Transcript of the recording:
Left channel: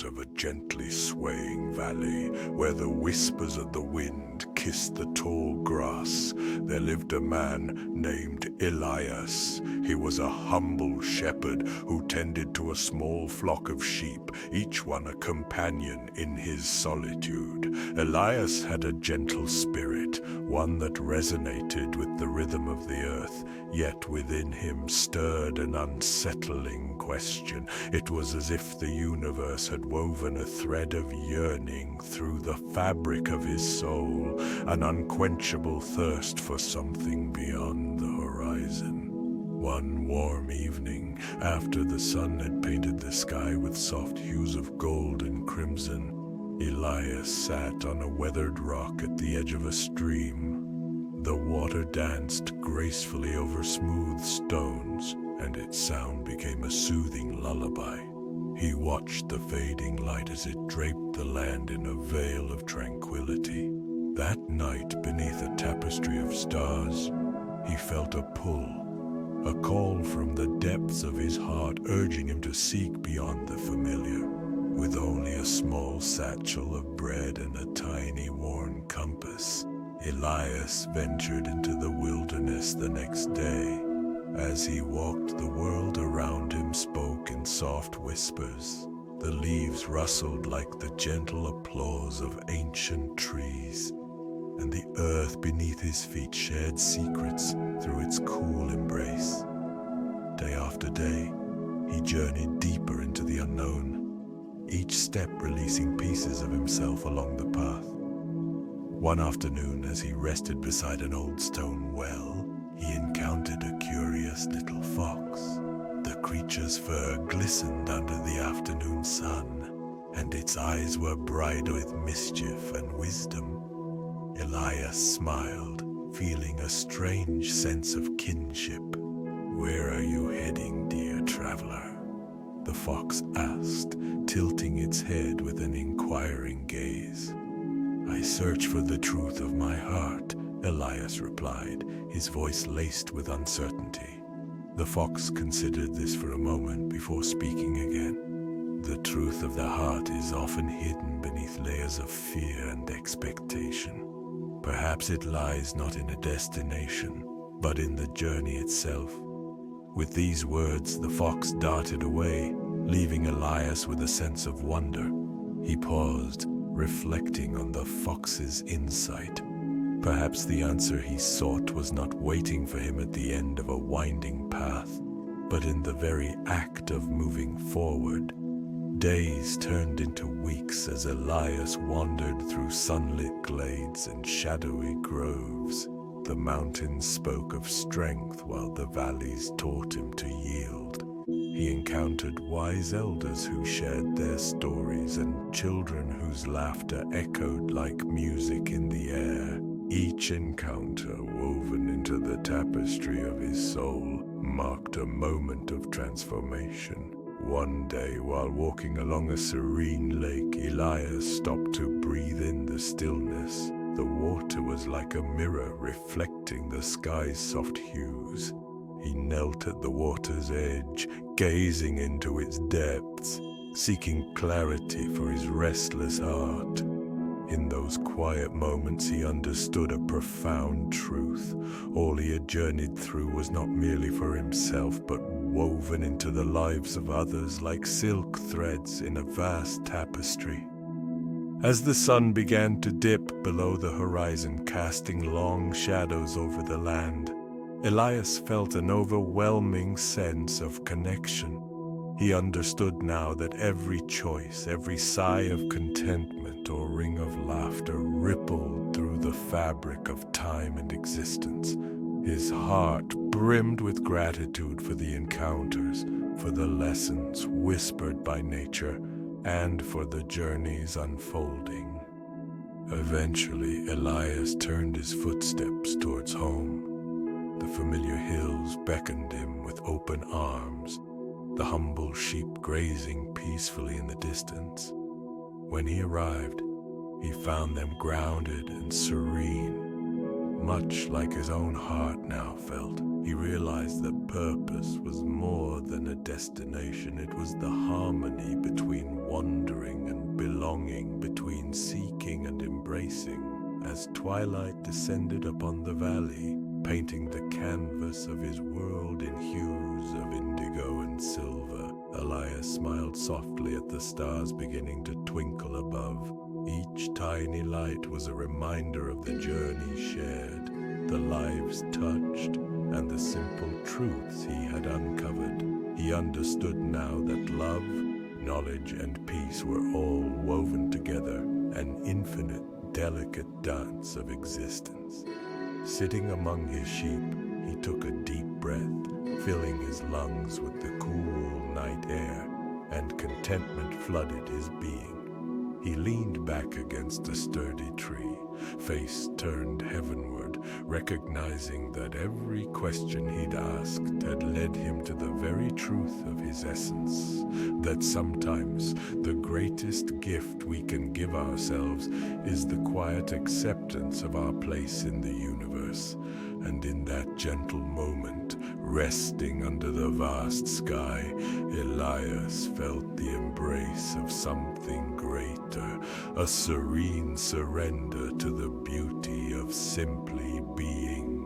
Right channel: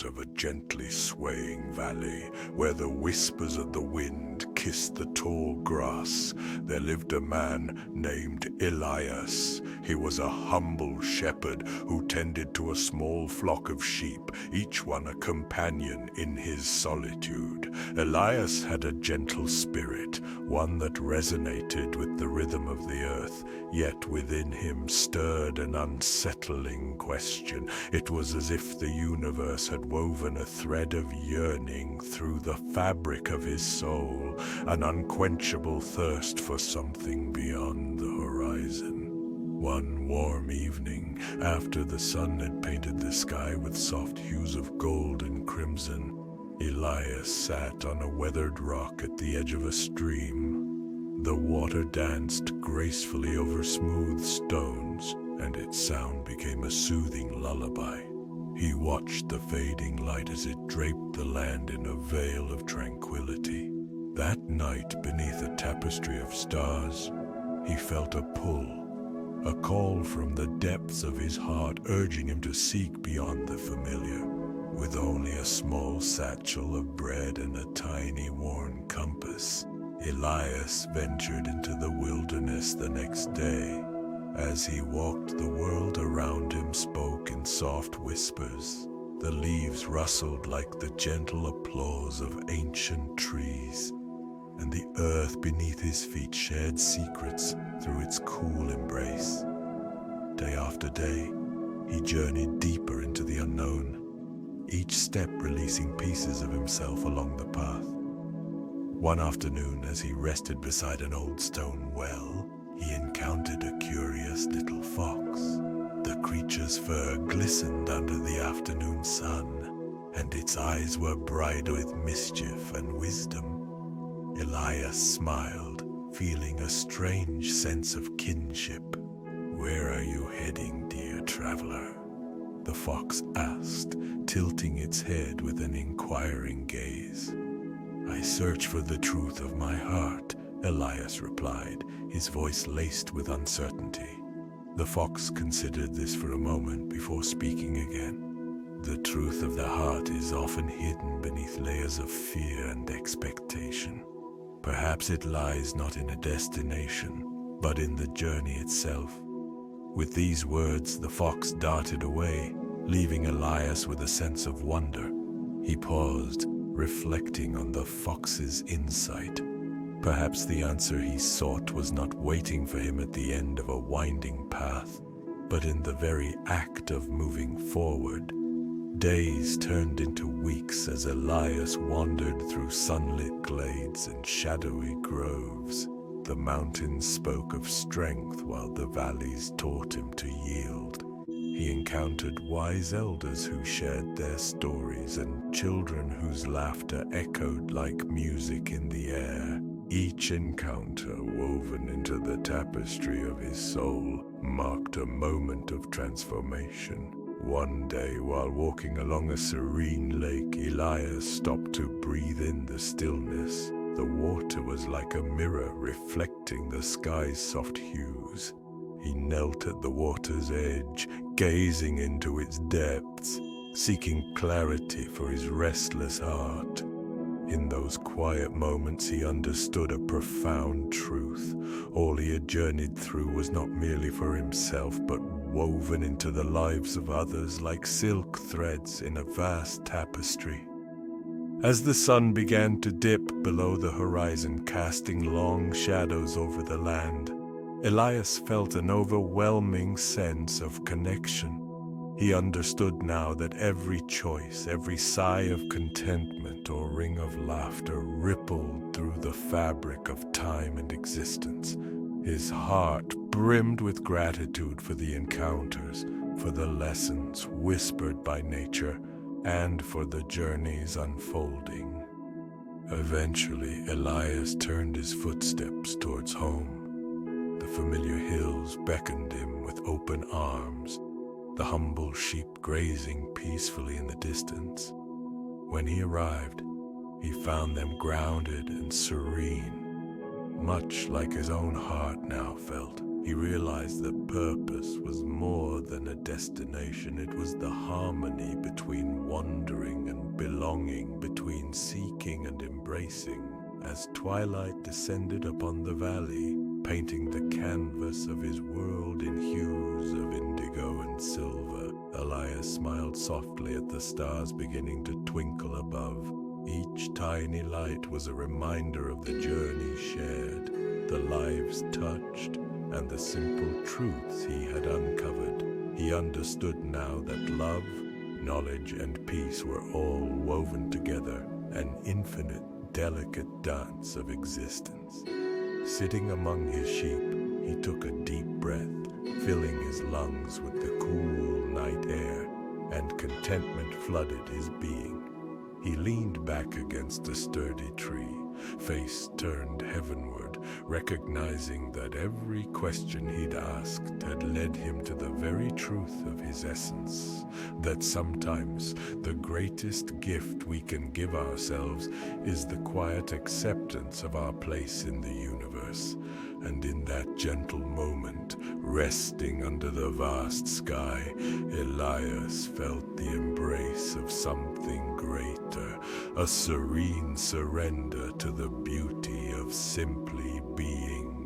out of a gently swaying valley, where the whispers of the wind kissed the tall grass, there lived a man named Elias. He was a humble shepherd who tended to a small flock of sheep, each one a companion in his solitude. Elias had a gentle spirit, one that resonated with the rhythm of the earth, yet within him stirred an unsettling question. It was as if the universe had woven a thread of yearning through the fabric of his soul, an unquenchable thirst for something beyond the horizon. One warm evening, after the sun had painted the sky with soft hues of gold and crimson, Elias sat on a weathered rock at the edge of a stream. The water danced gracefully over smooth stones, and its sound became a soothing lullaby. He watched the fading light as it draped the land in a veil of tranquility. That night, beneath a tapestry of stars, he felt a pull, a call from the depths of his heart urging him to seek beyond the familiar. With only a small satchel of bread and a tiny worn compass, Elias ventured into the wilderness the next day. As he walked, the world around him spoke in soft whispers. The leaves rustled like the gentle applause of ancient trees, and the earth beneath his feet shared secrets through its cool embrace. Day after day, he journeyed deeper into the unknown, each step releasing pieces of himself along the path. One afternoon, as he rested beside an old stone well, he encountered a curious little fox. The creature's fur glistened under the afternoon sun, and its eyes were bright with mischief and wisdom. Elias smiled, feeling a strange sense of kinship. "Where are you heading, dear traveler?" the fox asked, tilting its head with an inquiring gaze. "I search for the truth of my heart," Elias replied, his voice laced with uncertainty. The fox considered this for a moment before speaking again. "The truth of the heart is often hidden beneath layers of fear and expectation. Perhaps it lies not in a destination, but in the journey itself." With these words, the fox darted away, leaving Elias with a sense of wonder. He paused, reflecting on the fox's insight. Perhaps the answer he sought was not waiting for him at the end of a winding path, but in the very act of moving forward. Days turned into weeks as Elias wandered through sunlit glades and shadowy groves. The mountains spoke of strength while the valleys taught him to yield. He encountered wise elders who shared their stories and children whose laughter echoed like music in the air. Each encounter, woven into the tapestry of his soul, marked a moment of transformation. One day, while walking along a serene lake, Elias stopped to breathe in the stillness. The water was like a mirror reflecting the sky's soft hues. He knelt at the water's edge, gazing into its depths, seeking clarity for his restless heart. In those quiet moments, he understood a profound truth. All he had journeyed through was not merely for himself, but woven into the lives of others like silk threads in a vast tapestry. As the sun began to dip below the horizon, casting long shadows over the land, Elias felt an overwhelming sense of connection. He understood now that every choice, every sigh of contentment or ring of laughter rippled through the fabric of time and existence. His heart brimmed with gratitude for the encounters, for the lessons whispered by nature, and for the journey's unfolding. Eventually, Elias turned his footsteps towards home. The familiar hills beckoned him with open arms, the humble sheep grazing peacefully in the distance. When he arrived, he found them grounded and serene, much like his own heart now felt. He realized that purpose was more than a destination. It was the harmony between wandering and belonging, between seeking and embracing. As twilight descended upon the valley, painting the canvas of his world in hues of indigo and silver, Elias smiled softly at the stars beginning to twinkle above. Each tiny light was a reminder of the journey shared, the lives touched, and the simple truths he had uncovered. He understood now that love, knowledge, and peace were all woven together, an infinite, delicate dance of existence. Sitting among his sheep, he took a deep breath, filling his lungs with the cool night air, and contentment flooded his being. He leaned back against a sturdy tree, face turned heavenward, recognizing that every question he'd asked had led him to the very truth of his essence, that sometimes the greatest gift we can give ourselves is the quiet acceptance of our place in the universe. And in that gentle moment, resting under the vast sky, Elias felt the embrace of something greater, a serene surrender to the beauty of simply being.